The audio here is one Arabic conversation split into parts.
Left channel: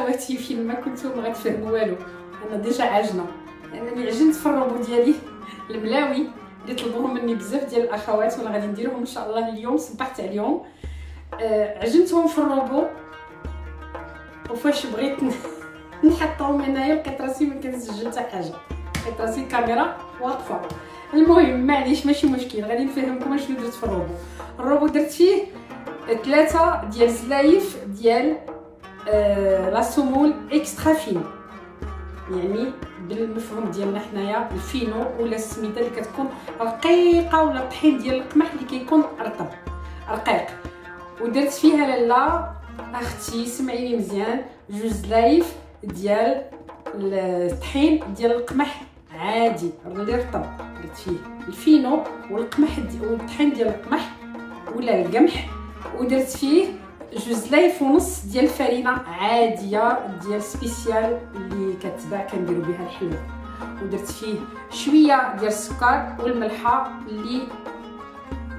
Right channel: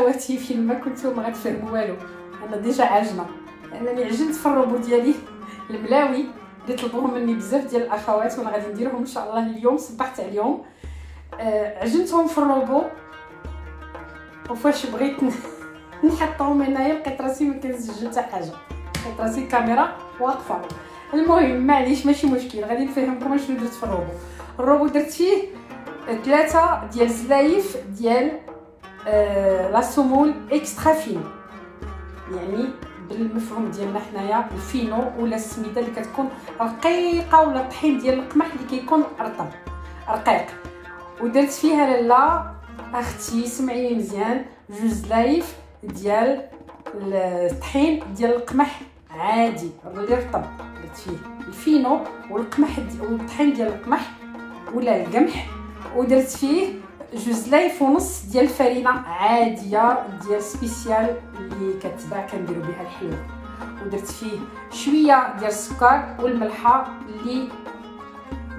اخواتي فين ما كنتو ما غتفهموا والو. انا ديجا عاجنه، انا عجنت في الروبو ديالي الملاوي اللي طلبوهم مني بزاف ديال الاخوات، وانا غادي نديرهم ان شاء الله اليوم. صبحت عليهم عجنتهم في الروبو، وفاش بغيت نحطهم هنايا لقيت راسي ما كنسجل حتى حاجه، لقيت راسي الكاميرا واقفه. المهم معليش ماشي مشكل، غادي نفهمكم شنو درت في الروبو. الروبو درت فيه 3 ديال الزلايف ديال لا سومول اكسترا فينو، يعني بالمفهوم ديالنا حنايا الفينو ولا السميده اللي كتكون رقيقه، ولا الطحين ديال القمح اللي كيكون رقيق. ودرت فيها لاله اختي سمعيني مزيان 2 زلايف ديال الطحين ديال القمح عادي اللي رطب، درت فيه الفينو والقمح والطحين ديال القمح ولا القمح، ودرت فيه 2 زلايف ونص ديال الفرينه عاديه ديال سبيسيال اللي كتباع كنديروا بها الحلوه، ودرت فيه شويه ديال السكر والملحه اللي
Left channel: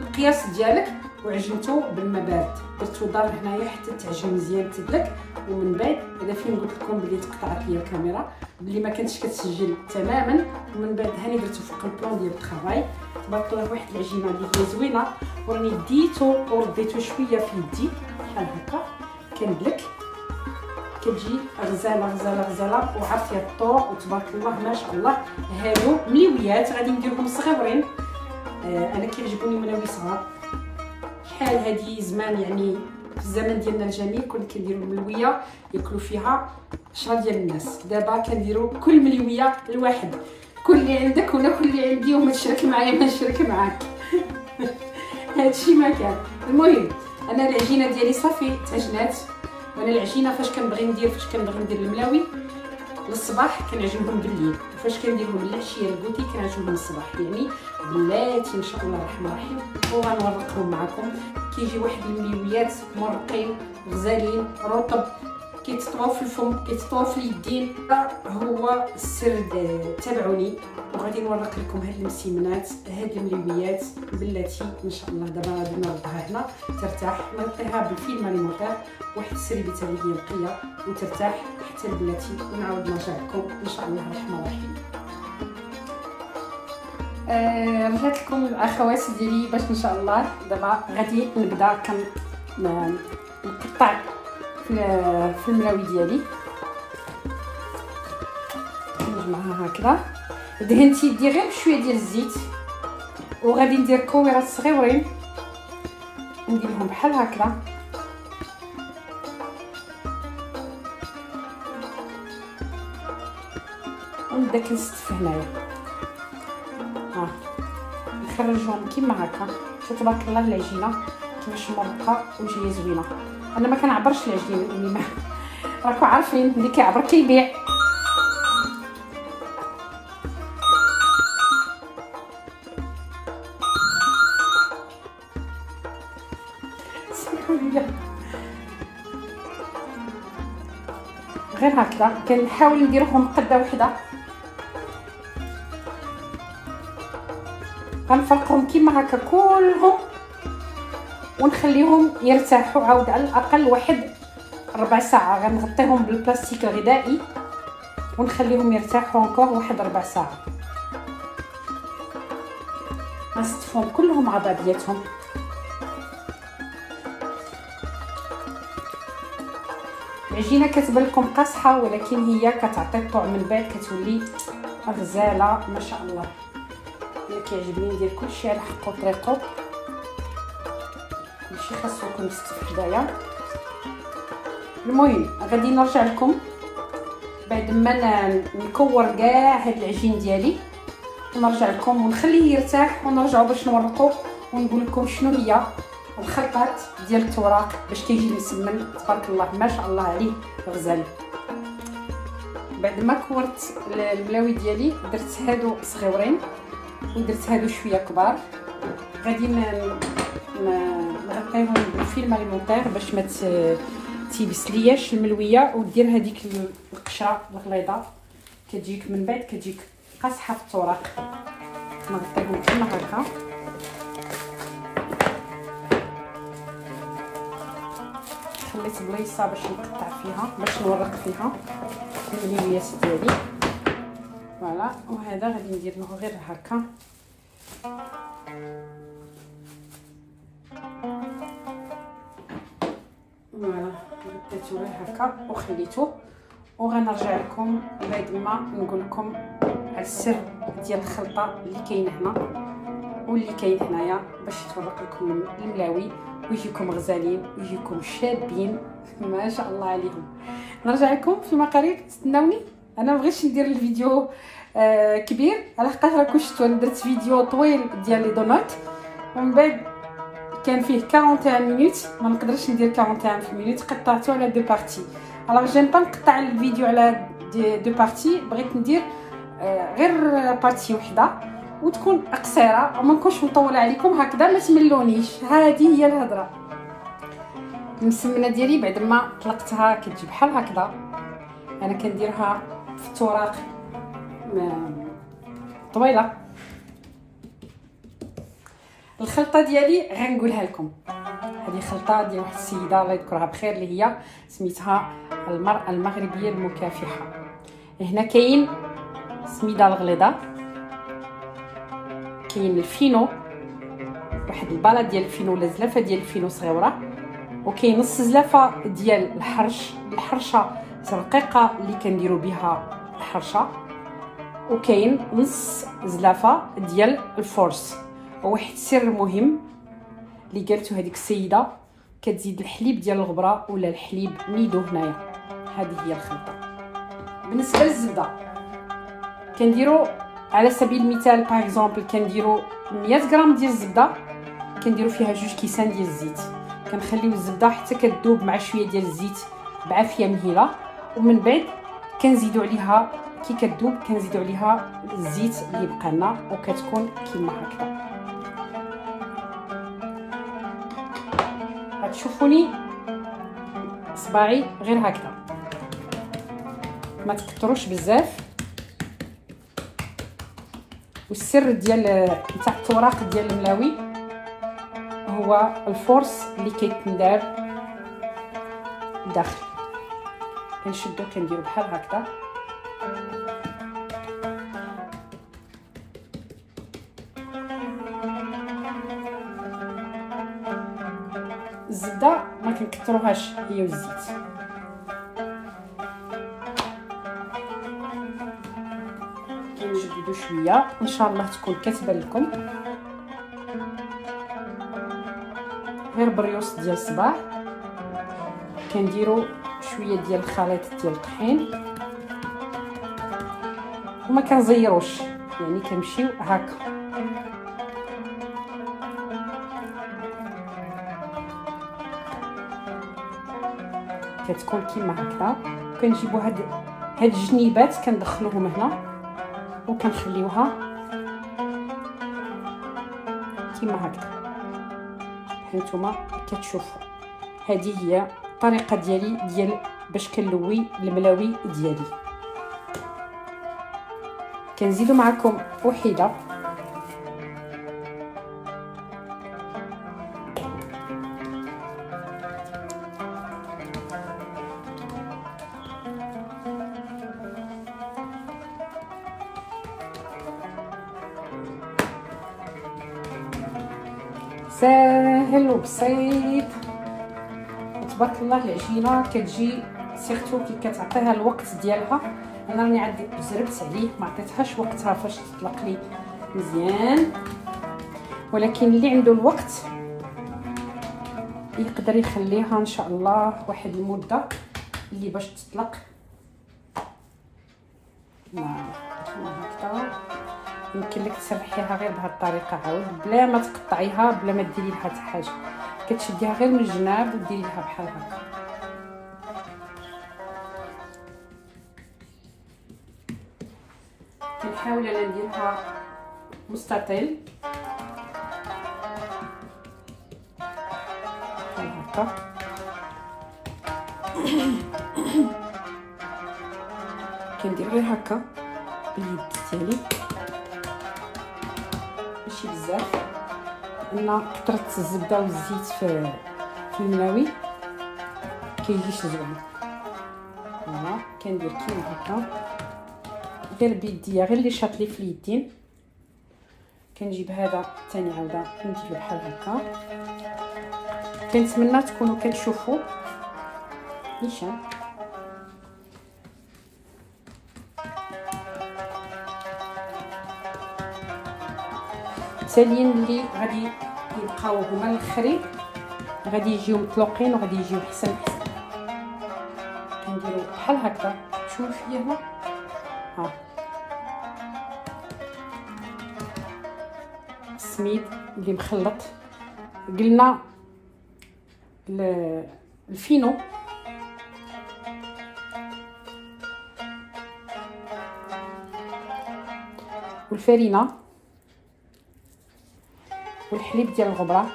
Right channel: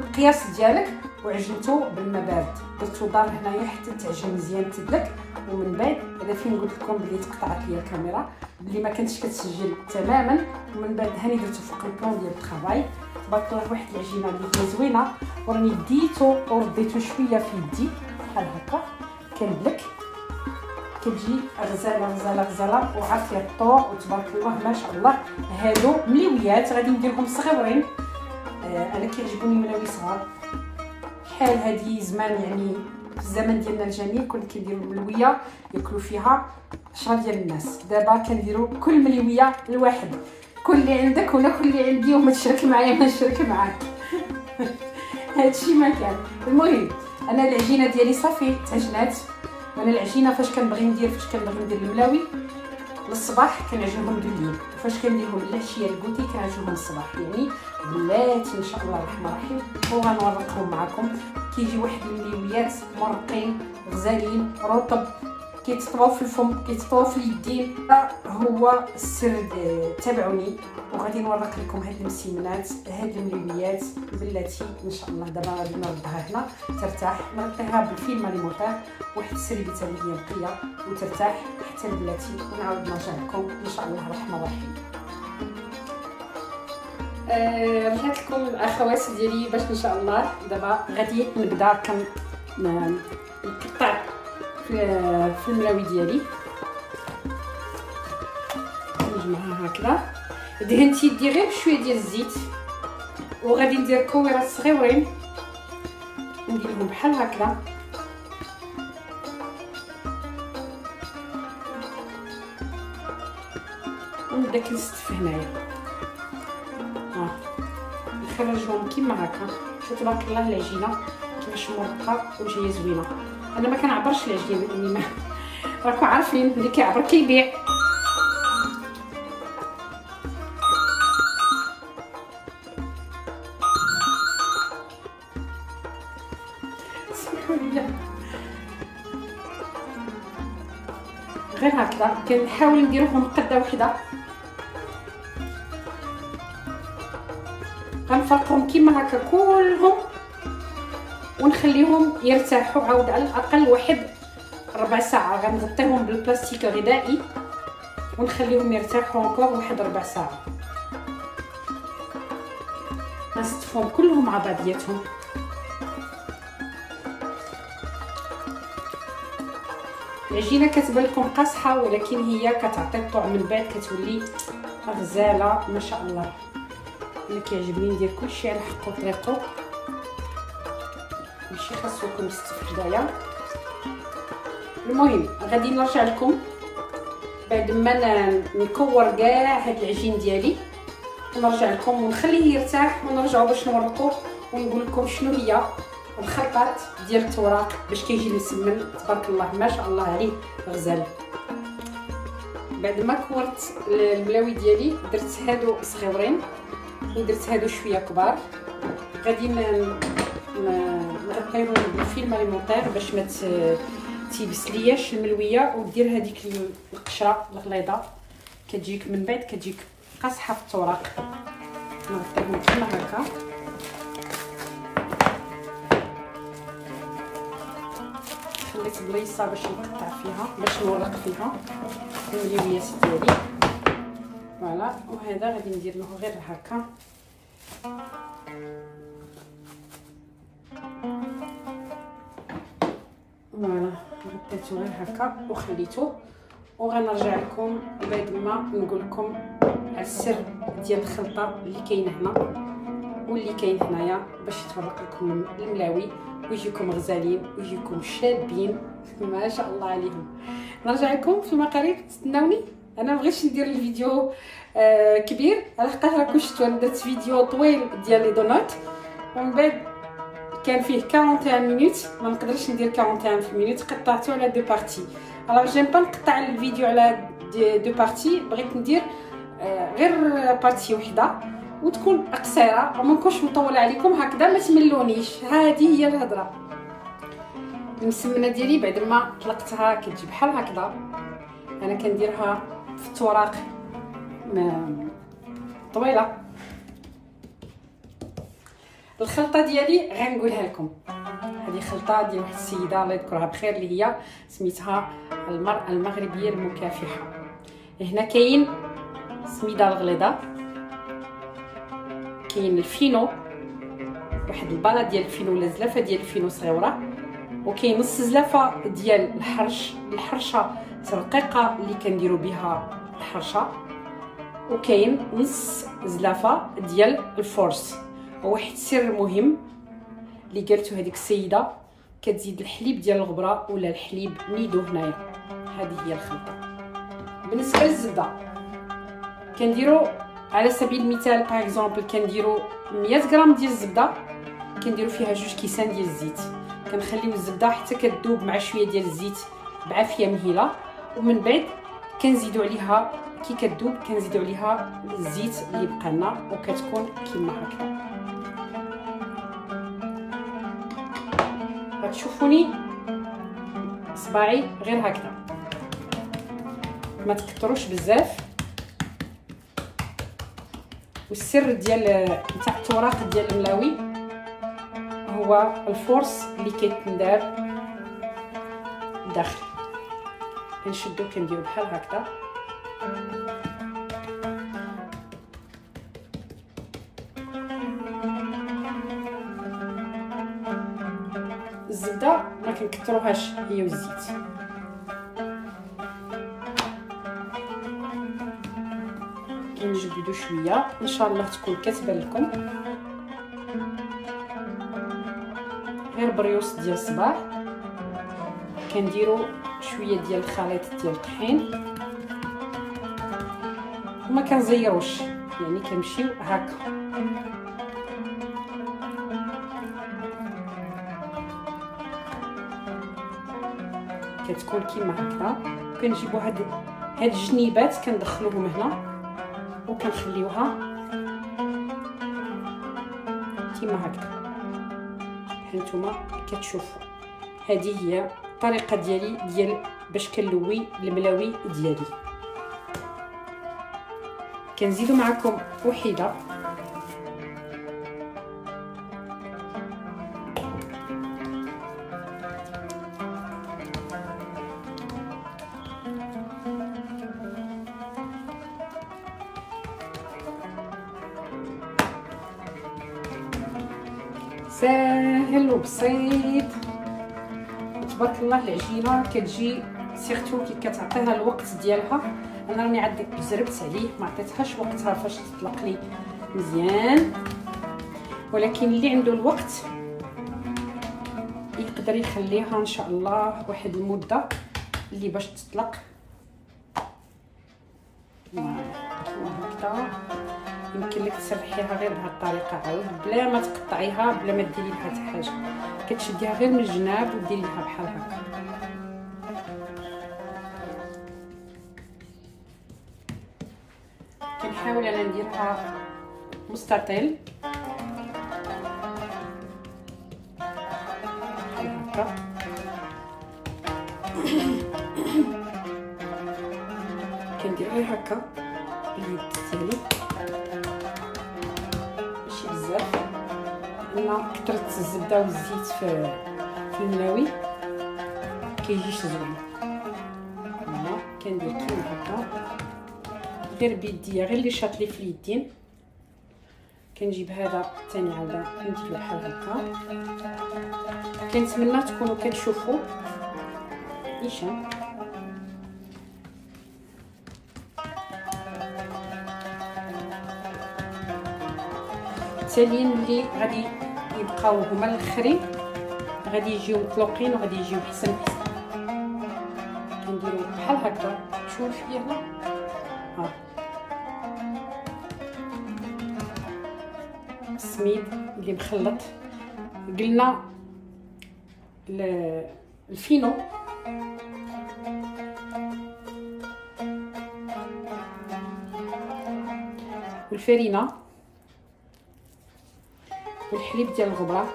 القياس ديالك، وعجنته بالماء بارد. درتو دار هنايا حتى تعجن مزيان تدلك، ومن بعد انا فين قلت لكم بلي تقطعت لي الكاميرا بلي ما كانتش كتسجل تماما، ومن بعد هاني درتو فوق البلون ديال الطرافاي. تبارك الله واحد العجينه اللي هي زوينه، وراني ديتو ورديتو شويه في يدي بحال هكا كندلك، كتجي غزاله غزاله غزاله وعرفت لها الطوق. وتبارك الله ما شاء الله هادو مليويات غادي نديرهم صغيورين. انا كيعجبوني ملاوي صغار شحال هادي زمان، يعني في الزمن ديالنا الجميل كنا كنديروا ملويه ياكلوا فيها 10 ديال الناس. دابا كنديروا كل ملويه لواحد، كل اللي عندك ولا كل اللي عندي، وما تشارك معايا ما نشارك معاك. هادشي ما كان. المهم انا العجينه ديالي صافي تعجنات. انا العجينه فاش كنبغي ندير الملاوي للصباح كنعجنهم بالليل، وفاش كنديرهم للعشيه الكوتي كنعجنهم الصباح، يعني بلاتي ان شاء الله الرحمن الرحيم. وغنوريكم معكم كيجي واحد الملويات مرقين غزالين رطب كيتطواو في الفم كيتطواو في اليدين. هو السر تابعوني وغادي نوريك لكم هاد المسيمنات هاد الملويات بلاتي ان شاء الله. دابا غادي نوضعها هنا ترتاح، نغطيها بالفيلم الموطير واحد السربيته اللي هي نقيه وترتاح حتى البلاتي، ونعاود نرجع لكم ان شاء الله الرحمن الرحيم. رجعت لكم الاخوات ديالي باش ان شاء الله دابا غادي نبدا نقطع في الملاوي ديالي. نجمعها هكذا، دهنت يدي غير بشويه ديال الزيت، وغادي ندير كويرات صغيورين نديرهم بحال هكذا. ونبدا كنستف هنايا نخرجهم كيما هكا. تبارك الله العجينه كيفاش مرقه وجايه زوينه. انا ما كنعبرش العجين لاني راكم عارفين اللي كيعبر كيبيع. غير هكذا كنحاول نديرهم قده وحده، غنفرقهم كيما هكا كلهم ونخليهم يرتاحوا عاود على الاقل واحد ربع ساعه. غنغطيهم بالبلاستيك الغذائي ونخليهم يرتاحوا encore واحد ربع ساعه. غنستفهم كلهم مع بعضياتهم. العجينه كتبان لكم قاصحه ولكن هي كتعطي الطعم من بعد كتولي غزاله ما شاء الله. انا كيعجبني ندير كلشي على حق طريقو، ماشي خاصكم تستف حدايا. المهم غادي نرجع لكم بعد ما نكور كاع هاد العجين ديالي، نرجع لكم ونخليه يرتاح ونرجعوا باش نورقوا ونقول لكم شنو هي الخلطات ديال التوراق باش كيجي مسمن. تبارك الله ما شاء الله عليه غزال. بعد ما كورت الملاوي ديالي درت هادو صغيورين ودرت هادو شويه كبار، غادي نغطيهم بالفيلم الموطير باش ما تيبسلياش الملويه، ودير هذيك القشره الغليظه كتجيك من بعد كتجيك قاصحه في التوراق. نغطيهم كيما هكا خليت بليصه باش نقطع فيها، باش نورق فيها المليونيات ديالي. فوالا، وهذا غادي ندير له غير هكا. فوالا، غطيتو غير هكا وخليته، وغنرجع لكم بعد ما نقول لكم السر ديال الخلطه اللي كاينه هنا واللي كاين هنايا باش يتورق لكم الملاوي ويجيكم غزالين ويجيكم شابين ما شاء الله عليهم. نرجع لكم في المقارير، تستناوني. انا مبغيتش ندير الفيديو كبير على خاطر راكم شفتوا درت فيديو طويل ديال لي دونات، ومن بعد كان فيه 41 مينوت، ما نقدرش ندير 41 في مينوت، قطعته على دو بارتي. الوغ جيم با نقطع الفيديو على دو بارتي، بغيت ندير غير بارتي وحده وتكون قصيره وما نكونش مطوله عليكم هكذا، ما تملونيش. هذه هي الهضره. المسمنه ديالي بعد ما طلقتها كتجي بحال هكذا، انا كنديرها في التوراق طويله. الخلطه ديالي غنقولها لكم، هذه خلطه ديال واحد السيده الله يذكرها بخير اللي هي سميتها المرأة المغربيه المكافحه. هنا كاين سميده الغليظه، كاين الفينو، واحد الباله ديال الفينو ولا زلافه ديال الفينو صغيره، وكاين نص زلافه ديال الحرشه رقيقه اللي كنديروا بها الحرشه، وكاين نص زلافه ديال الفورس. وواحد السر مهم اللي قالته هذيك السيده، كتزيد الحليب ديال الغبره ولا الحليب نيدو هنايا. هذه هي الخلطه. بالنسبه للزبده كنديروا على سبيل المثال باغ اكزومبل كنديروا 100 غرام ديال الزبده، كنديروا فيها 2 كيسان ديال الزيت، كنخليو الزبده حتى كتذوب مع شويه ديال الزيت بعافيه مهيله، ومن بعد كنزيدوا عليها كي كتذوب كنزيدوا عليها الزيت اللي بقى لنا، وكتكون كيما هكا. غتشوفوني صباعي غير هكذا، ما تكثروش بزاف. والسر ديال تاع التوراق ديال الملاوي هو الفورس اللي كيتندار داخل. كنشدو كنديرو بحال هكذا، الزبده ما كنكثروهاش هي والزيت. كنجبدو شويه ان شاء الله تكون كتبان لكم، غير بريوس ديال الصباح. كنديرو شويه ديال الخليط ديال الطحين وما كنزيروش، يعني كنمشيو هكا. كتكون كيما هكذا. كنجيبو هاد الجنيبات كندخلوهم هنا وكنخليوها كيما هكذا. هانتوما كتشوفوا هذه هي الطريقه ديالي باش كنلوي الملاوي ديالي. كنزيدو معكم وحيده ساهل وبسيط تبارك الله. العجينه كتجي سيرتو كي كتعطيها الوقت ديالها. انا راني عاد زربت عليه ما عطيتهاش وقتها فاش تطلق لي مزيان، ولكن اللي عنده الوقت يقدر يخليها ان شاء الله واحد المده اللي باش تطلق هكذا. يمكن لك تسرحيها غير بهذه الطريقه عاود بلا ما تقطعيها بلا ما ديري لها حتى حاجه، كتشديها غير من الجناب وديري لها بحال هكا. كنحاول انا نديرها مستطيل بحال هكا. كندير غير هكا باليد ديالي ماشي بزاف، لان كثرت الزبده والزيت في الملاوي. كيجيش زوين. فوالا كندير كيما هكا غير بيديا، غير اللي شاط لي في اليدين. كنجيب هذا ثاني عاوده نديرو بحال هكا. كنتمنى تكونوا كتشوفوا نيشان. التاليين اللي غادي يبقاو هما الاخرين غادي يجيو مطلوقين وغادي يجيو حسن. كنديرو بحال هكا شويه هنا ها السميد اللي مخلط. قلنا الفينو والفرينه والحليب ديال الغبره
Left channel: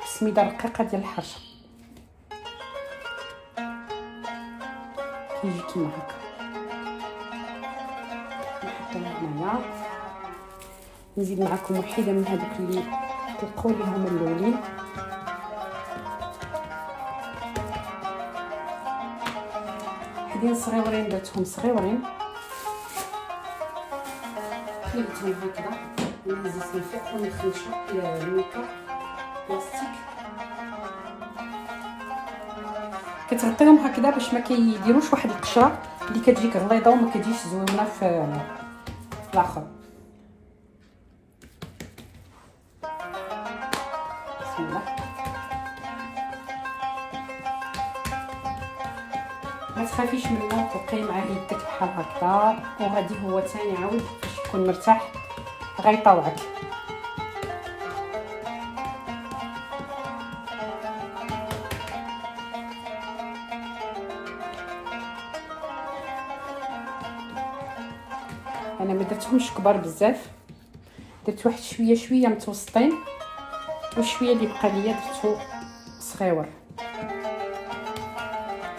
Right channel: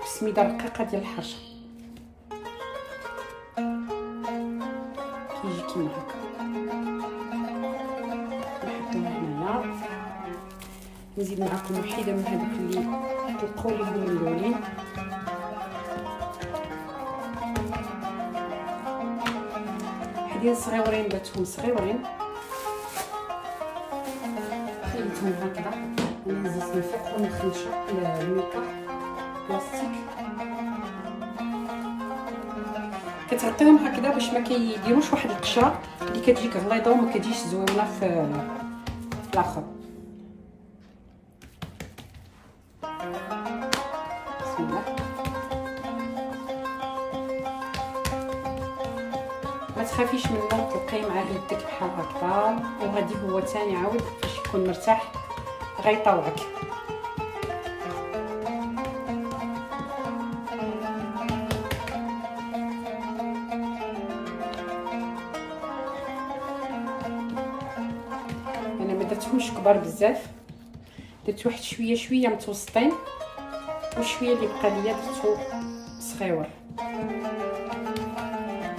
والسميده الرقيقه ديال الحرشه. كيجي كيما هكا. نحطوها هنايا. نزيد معكم وحده من هذوك اللي تلقاو لهم الاولين. حدين صغيورين درتهم صغيورين خليتهم هكذا. نزيد نفكهم الخنشه الميكا بلاستيك. كتعطيهم هكذا باش ما كيديروش واحد القشره اللي كتجيك غليظه وما كتجيش زوينه في الاخر. بسم الله. ما تخافيش منه، تلقيه مع يدك بحال هكا وغادي هو ثاني عاود باش يكون مرتاح غيطوعك. انا ما درتهمش كبار بزاف، درت واحد شويه متوسطين وشويه اللي بقى ليا درتو صغيور.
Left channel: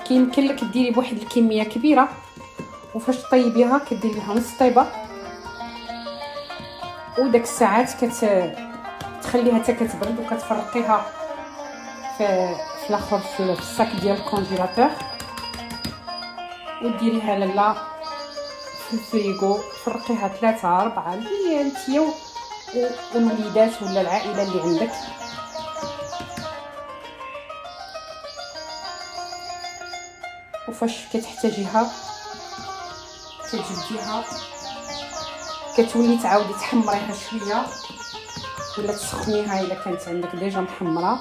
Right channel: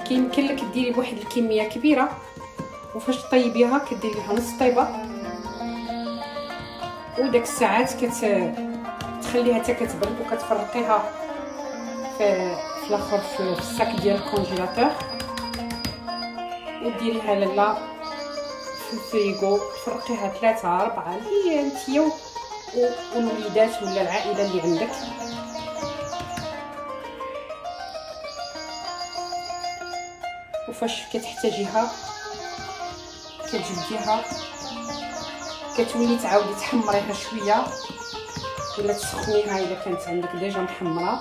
كيمكن لك ديري بواحد الكميه كبيره وفاش طيبيها كديري لها نص طيبه وداك الساعات كتخليها حتى كتبرد وكتفرقيها في الاخر في الساك ديال الكونجيلاتور وديريها لالا في الفريغو. تفرقيها 3 4 اللي انتيا والوليدات ولا العائله اللي عندك. وفاش كتحتاجيها كتجبديها كتولي تعاودي تحمريها شويه ولا تسخنيها الا كانت عندك ديجا محمره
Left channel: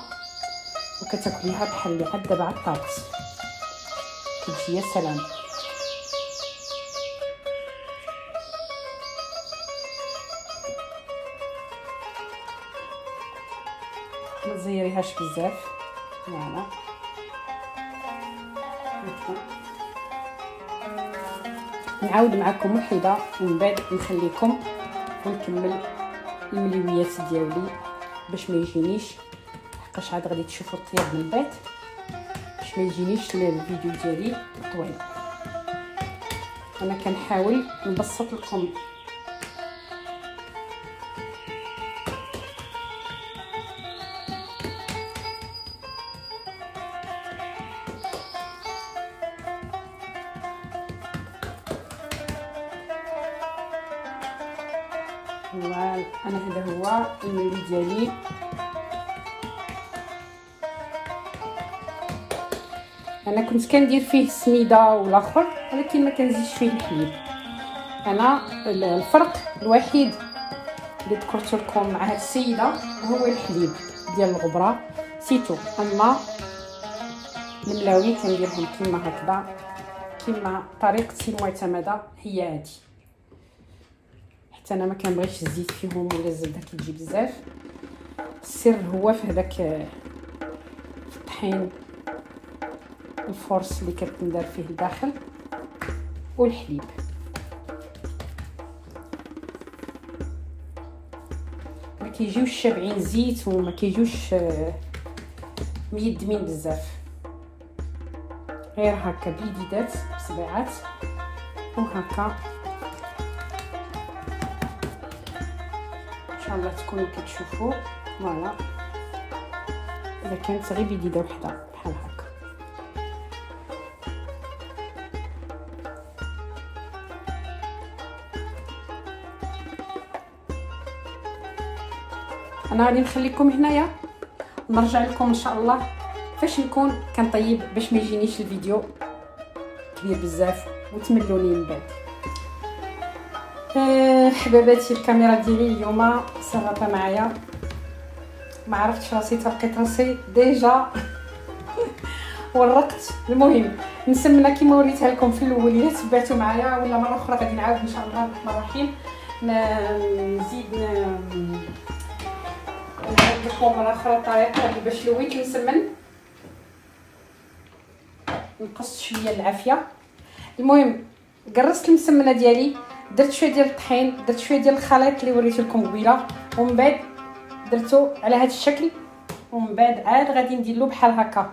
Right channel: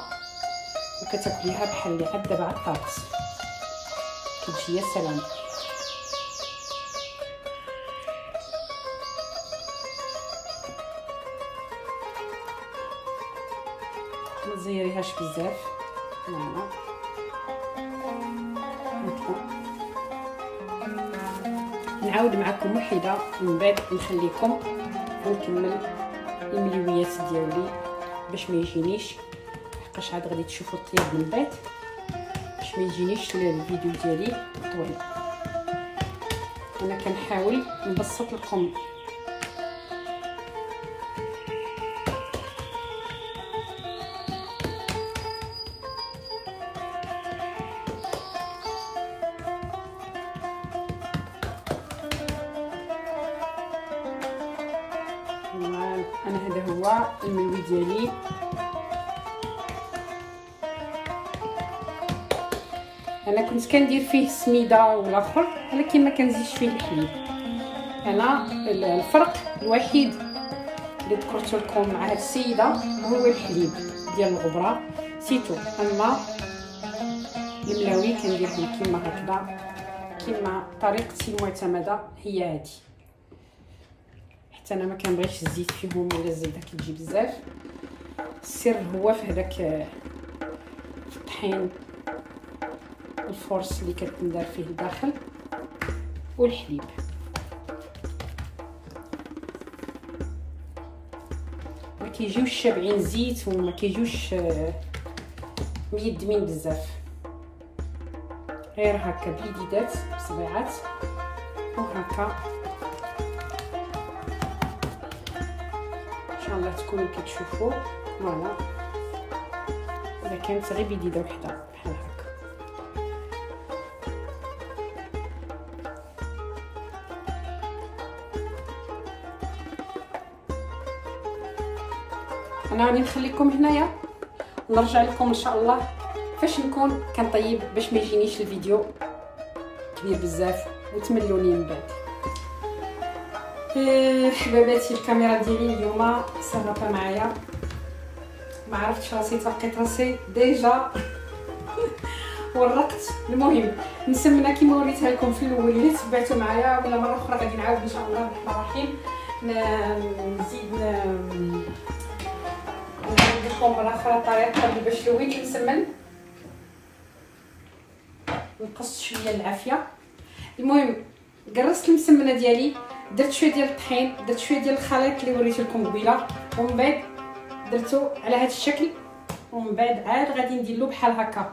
وكتاكليها بحال اللي عاد دابا على الطابس. كتجي يا سلام. ما تزيريهاش بزاف. فوالا نعاود معكم وحده ومن بعد نخليكم ونكمل المليويات ديالي باش ما يجينيش، حقاش عاد غادي تشوفوا الطياب من بعد باش ما يجينيش الفيديو ديالي طويل. انا كنحاول نبسط لكم انا هذا هو الملوي ديالي. انا كنت كندير فيه السميده والاخر ولكن ما كنزيدش فيه الحليب. انا الفرق الوحيد اللي ذكرت لكم مع هاد السيده هو الحليب ديال الغبره سيتو. اما الملاوي كنديرهم كيما هكذا، كيما طريقتي المعتمده هي هذه. حتى انا ما كنبغيش الزيت فيهم ولا الزبده كتجي بزاف. السر هو في هذاك الطحين الفرص اللي كتندار فيه الداخل والحليب. ما كيجيوش شابعين زيت وما كيجيوش ميدمين بزاف، غير هكا بيديدات بصبيعات وهكا. ان شاء الله تكونوا كتشوفوا. فوالا اذا كانت غير بيديده وحده بحال هكا انا غادي نخليكم هنايا ونرجع لكم ان شاء الله فاش نكون كنطيب، باش ما يجينيش الفيديو كبير بزاف وتملوني من بعد. حبيباتي الكاميرا ديالي اليوم صوته معايا، ما عرفتش راسي تلقيت راسي ديجا ورقت. المهم مسمنه كيما وريتها لكم في الاول، الا تبعتوا معايا ولا مره اخرى غادي نعاود ان شاء الله الرحمن الرحيم نزيد لكم مره اخرى الطريقه اللي باش لويت المسمن، نقصت شويه العافيه. المهم قرصت المسمنه ديالي، درت شويه ديال الطحين، درت شويه ديال الخليط اللي وريت لكم قبيله، ومن بعد درتو على هذا الشكل، ومن بعد عاد غادي نديرلو بحال هكا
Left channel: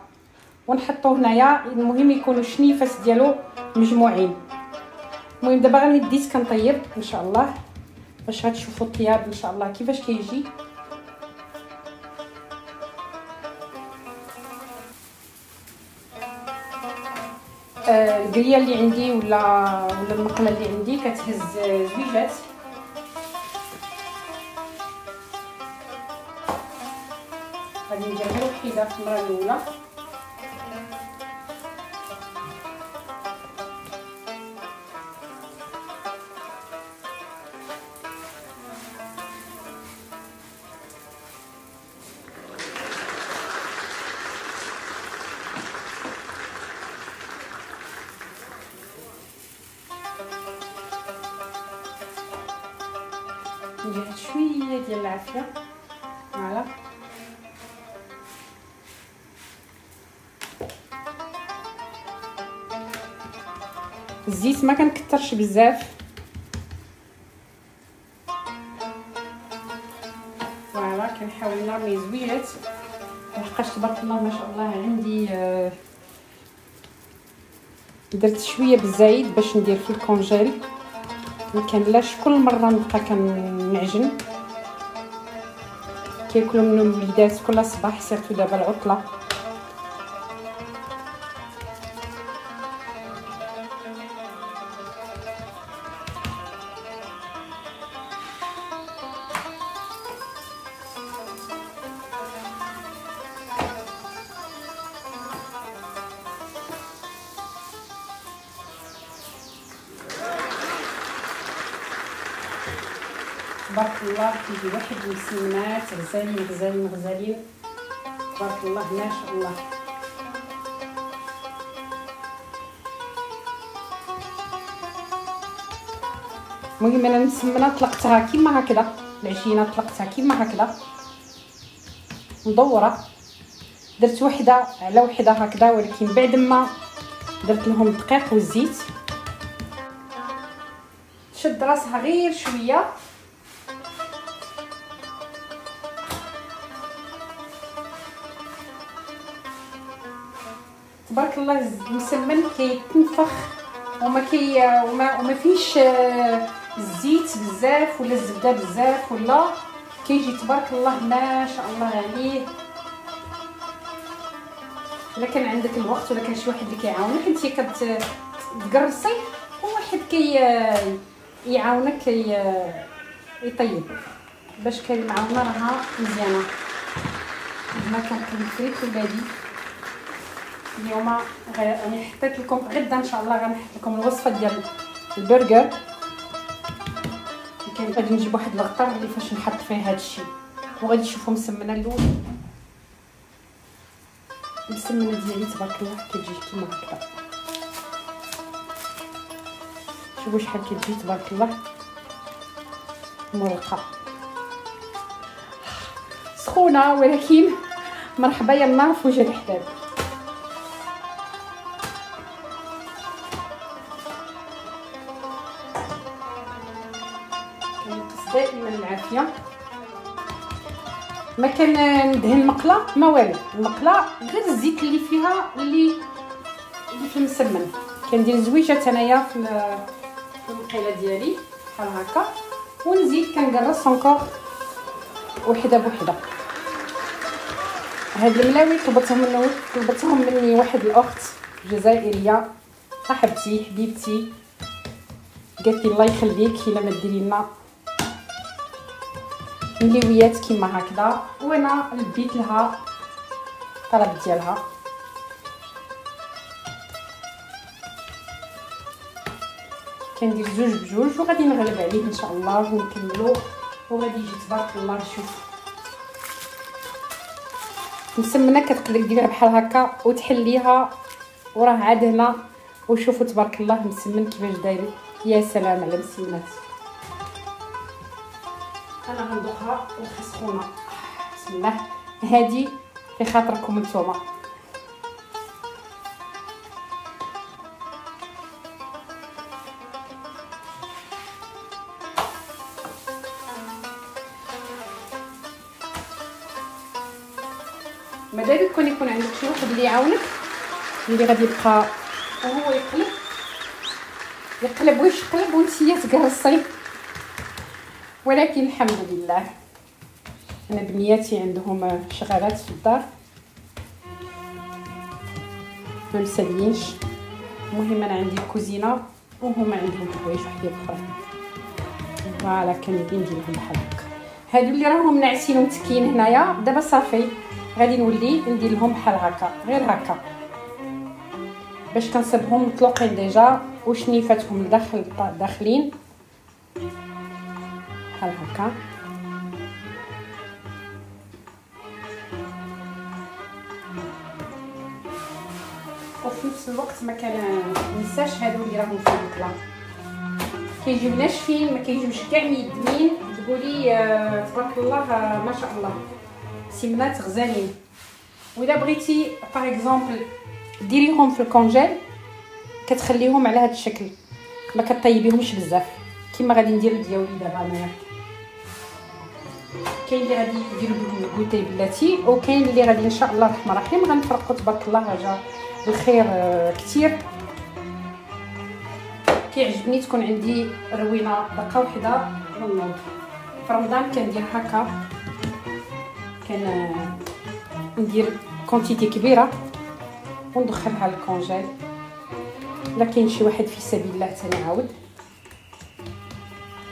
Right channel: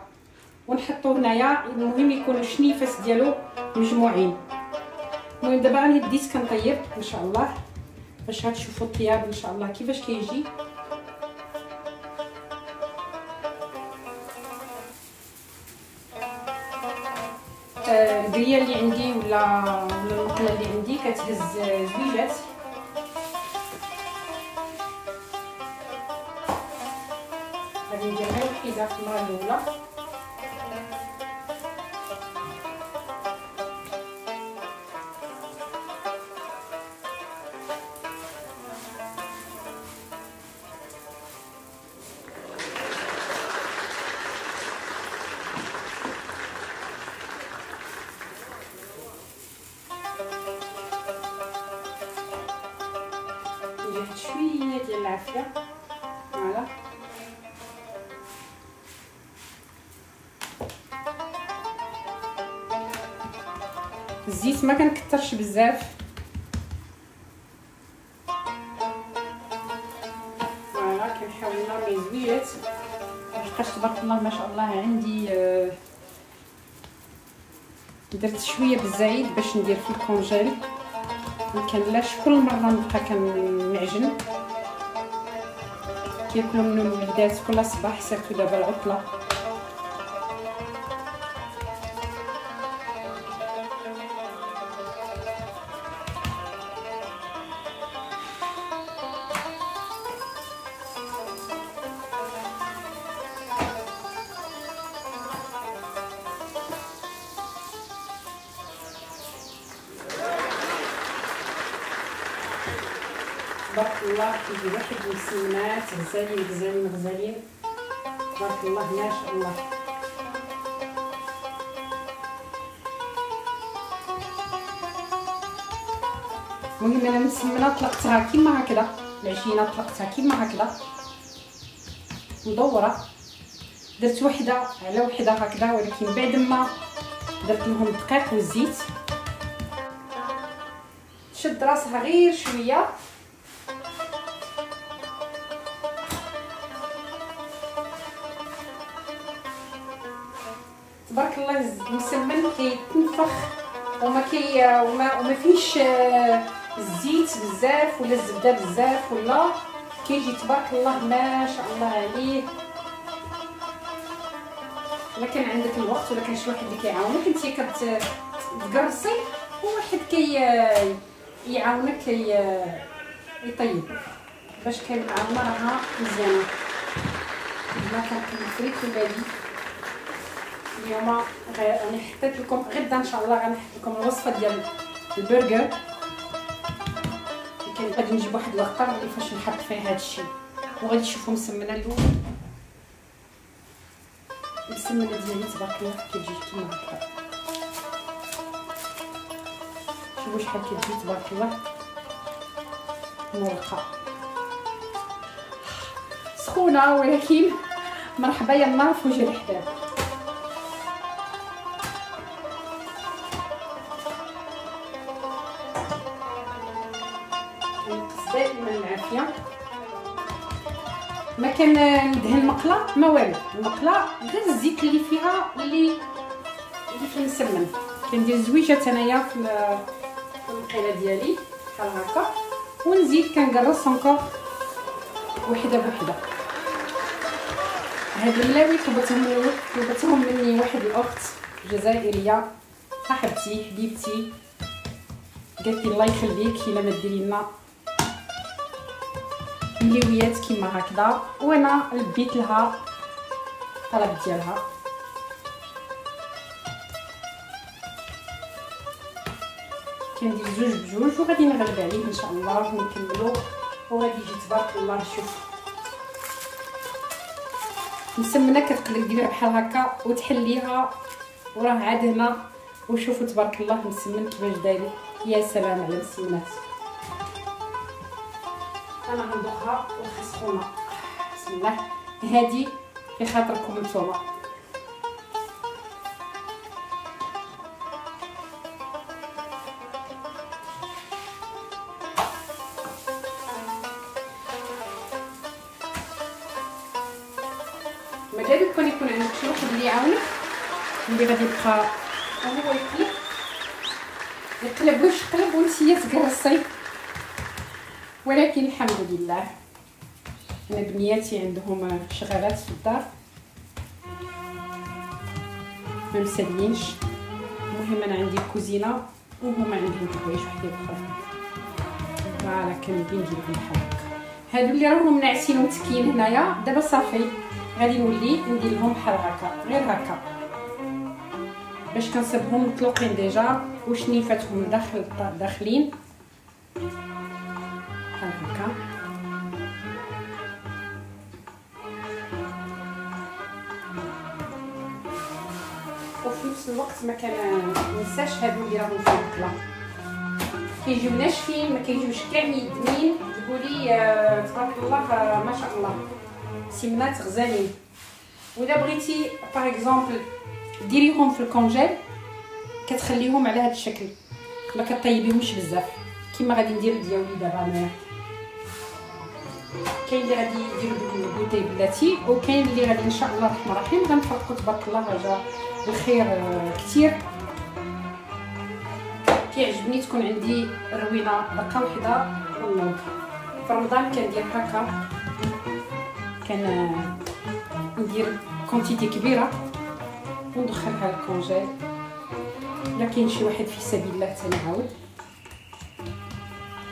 ونحطوه هنايا. المهم يكونوا الشنيفات ديالو مجموعين. المهم دابا راني بديت كنطيب ان شاء الله باش غتشوفوا الطياب ان شاء الله كيفاش كيجي. القريه اللي عندي ولا المكنه اللي عندي كتهز زويجات، غادي ندير غير وحده في المره الاولى. ندير شويه ديال العافيه، فوالا. الزيت ما كنكثرش بزاف، فوالا. كنحاول نرمي زويات لحقاش تبارك الله ما شاء الله عندي درت شويه بالزايد باش ندير في الكونجيل، ما كنلاش كل مره نبقى كنعجن. كياكلوا منه الوليدات كل صباح، سيرتو دابا العطله. تبارك الله كيجي واحد المسمنات غزالين غزالين غزالين، تبارك الله ما شاء الله. المهم انا المسمنه طلقتها كيما هكذا، العجينه طلقتها كيما هكذا مدوره، درت وحده على وحده هكذا، ولكن بعد ما درت لهم الدقيق والزيت شد راسها غير شويه. تبارك الله المسمن كيتنفخ وما فيش الزيت بزاف ولا الزبده بزاف، ولا كيجي تبارك الله ما شاء الله عليه. الا كان عندك الوقت ولا كان شي واحد اللي كيعاونك انت كتقرصي وواحد يعاونك يطيب باش كنعاودنا راها مزيانه. ما كنطيب في ولادي اليوم راني حطيت لكم غدا ان شاء الله غنحط لكم الوصفه ديال البرجر، ولكن غادي نجيب واحد الغطاء اللي فاش نحط فيه هذا الشيء، وغادي تشوفوا مسمنه الاول. المسمنه ديالي تبارك الله كتجي كيما هكا، شوفوا شحال كتجي تبارك الله مرقه سخونه، ولكن مرحبا يلا في وجه الحباب. دائما العافيه. ما كندهن المقله ما والو، المقله غير الزيت اللي فيها اللي في المسمن. كندير زويجات انايا في المقيله ديالي بحال هكا، ونزيد كنقرص انكور وحده بوحده. هاد الملاوي طلبتهم مني واحد الاخت جزائريه صاحبتي حبيبتي، قالت لي الله يخليك الا ما ديري لنا مليويات كيما هكذا. وانا لبيت لها الطلب ديالها. كندير جوج بجوج وغادي نغلب عليه ان شاء الله ونكملو وغادي يجي تبارك الله. شوف مسمنه كتقدر ديرها بحال هكا وتحليها وراه عاد هنا. وشوفوا تبارك الله مسمن كيفاش داير. يا سلام على المسمنات. انا غندوقها وخسخونه. بسم الله. هادي في خاطركم نتوما. مادام يكون عندك شي واحد اللي يعاونك اللي غادي يبقى وهو يقلب واش يقلب وانتي تقرصي. ولكن الحمد لله انا بنياتي عندهم شغالات في الدار ما مسالينش. المهم انا عندي الكوزينه وهما عندهم حوايج وحدين اخرى. فوالا كندير نديرهم بحال هكا. هادو اللي راهم ناعسين ومتكين هنايا دابا صافي غادي نولي ندير لهم بحال هكا غير هكا باش كنصيبهم مطلوقين ديجا وشنيفاتهم داخلين بحال هكا. وفي نفس الوقت ما كننساش هادو اللي راهم في المقله كيجيو ناشفين ما كيجيوش كاع ميدمين. تقولي تبارك الله ما شاء الله سمات غزالين. واذا بغيتي باغ اكزومبل ديريهم في الكونجيل كتخليهم على هذا الشكل ما كطيبيهمش بزاف كيما غادي ندير ديالي دابا انايا. كاين اللي غادي يديروا بالكوتي بلاتي وكاين اللي غادي ان شاء الله الرحمن الرحيم غنفرقوا تبارك الله جا الخير كثير. كيعجبني تكون عندي روينه دقه وحده والنوض. في رمضان كندير هكا ندير كونتيتي كبيره وندخلها للكونجيل. الا كاين شي واحد في سبيل الله ثاني عاود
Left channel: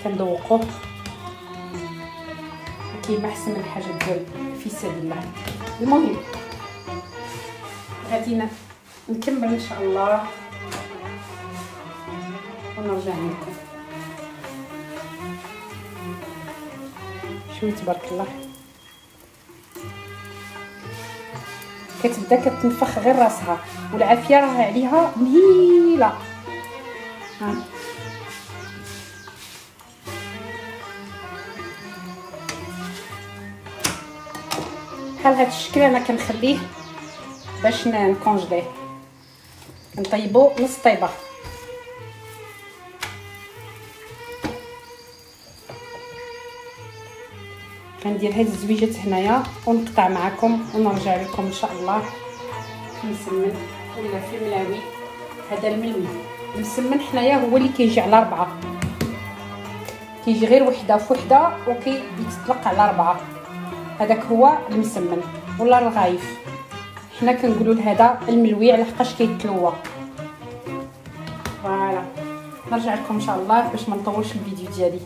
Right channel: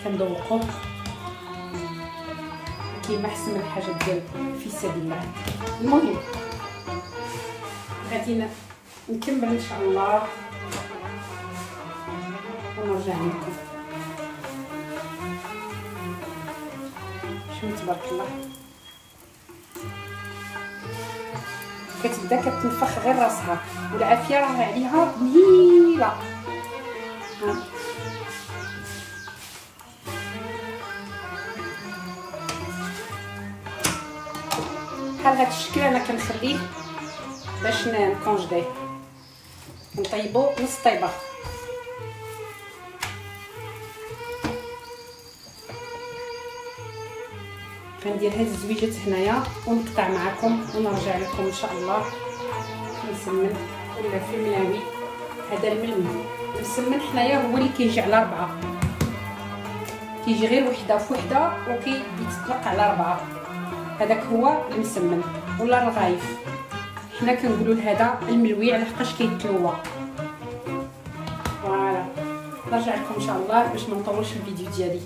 كندوقوه كيما احسن من الحاجه ديال في سبيل الله. المهم غادي نكمل ان شاء الله ونرجع عندكم. شوفوا تبارك الله كتبدا كتنفخ غير راسها والعافيه راه عليها مهيله. بحال هذا الشكل انا كنخليه باش نكونجليه نطيبو نص طيبه. غندير هاد الزويجات هنايا ونقطع معكم ونرجع لكم ان شاء الله. نسمن ولا في ملاوي. هذا المسمن حنايا هو اللي كيجي على 4 كيجي غير وحده في وحده وكيتطلق على 4. هذاك هو المسمن ولا الغايف. حنا كنقولوا لهذا الملوي على حقاش كيتلوى. فوالا نرجع لكم ان شاء الله باش ما نطولش الفيديو ديالي.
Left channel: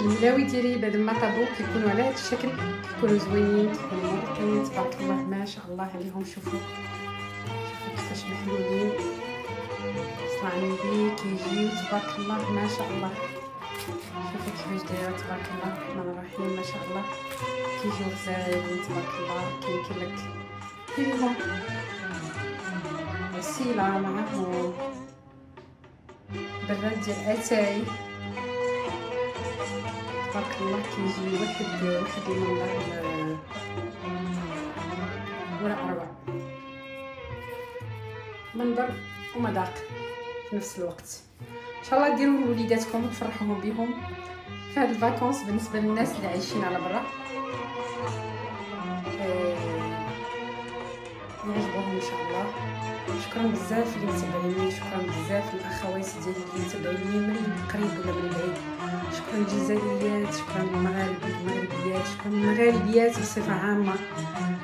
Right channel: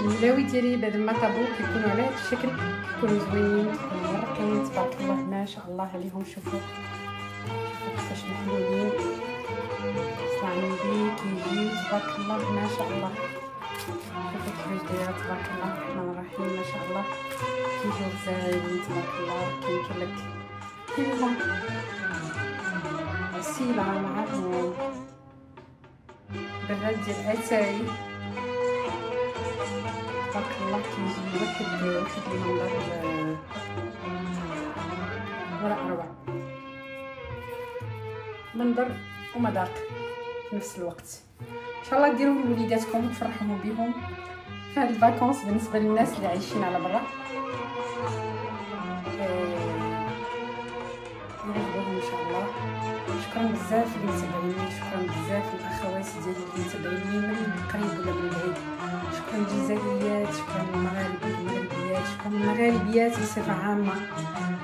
الملاوي ديالي بعد ما طابو كيكونوا على هذا الشكل كيكونوا زوينين كيكونوا مرقين تبارك الله ما شاء الله عليهم. شوفوا كيفاش محلولين طلع عندي كيجيو تبارك الله ما شاء الله. شوفوا كيفاش دايره تبارك الله الرحمن الرحيم ما شاء الله كيجيو غزالين تبارك الله. كاين لك ديريهم عسيله معاهم براد ديال اتاي تبارك الله كيجي واحد المنظر ولا اروع منظر ومذاق في نفس الوقت. ان شاء الله ديروه لوليداتكم وتفرحوهم بهم في هاد الفاكونس. بالنسبه للناس اللي عايشين على برا يعجبوهم ان شاء الله. شكرا بزاف اللي متابعيني. شكرا بزاف الاخوات ديالي اللي متابعيني من القريب ولا من البعيد. شكرا للجزائريات. شكرا للمغاربه والمغربيات. شكرا للمغاربيات بصفه عامه.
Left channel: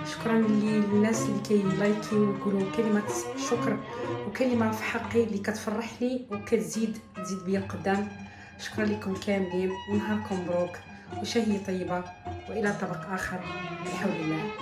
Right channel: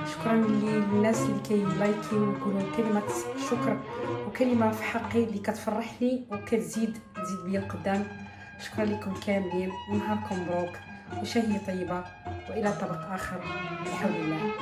شكرا للناس اللي كيلايكيو ويقولوا كلمه شكر وكلمه في حقي اللي كتفرحني وكتزيد بيا القدام. شكرا لكم كاملين، ونهاركم مبروك وشهية طيبة، والى طبق اخر بحول الله.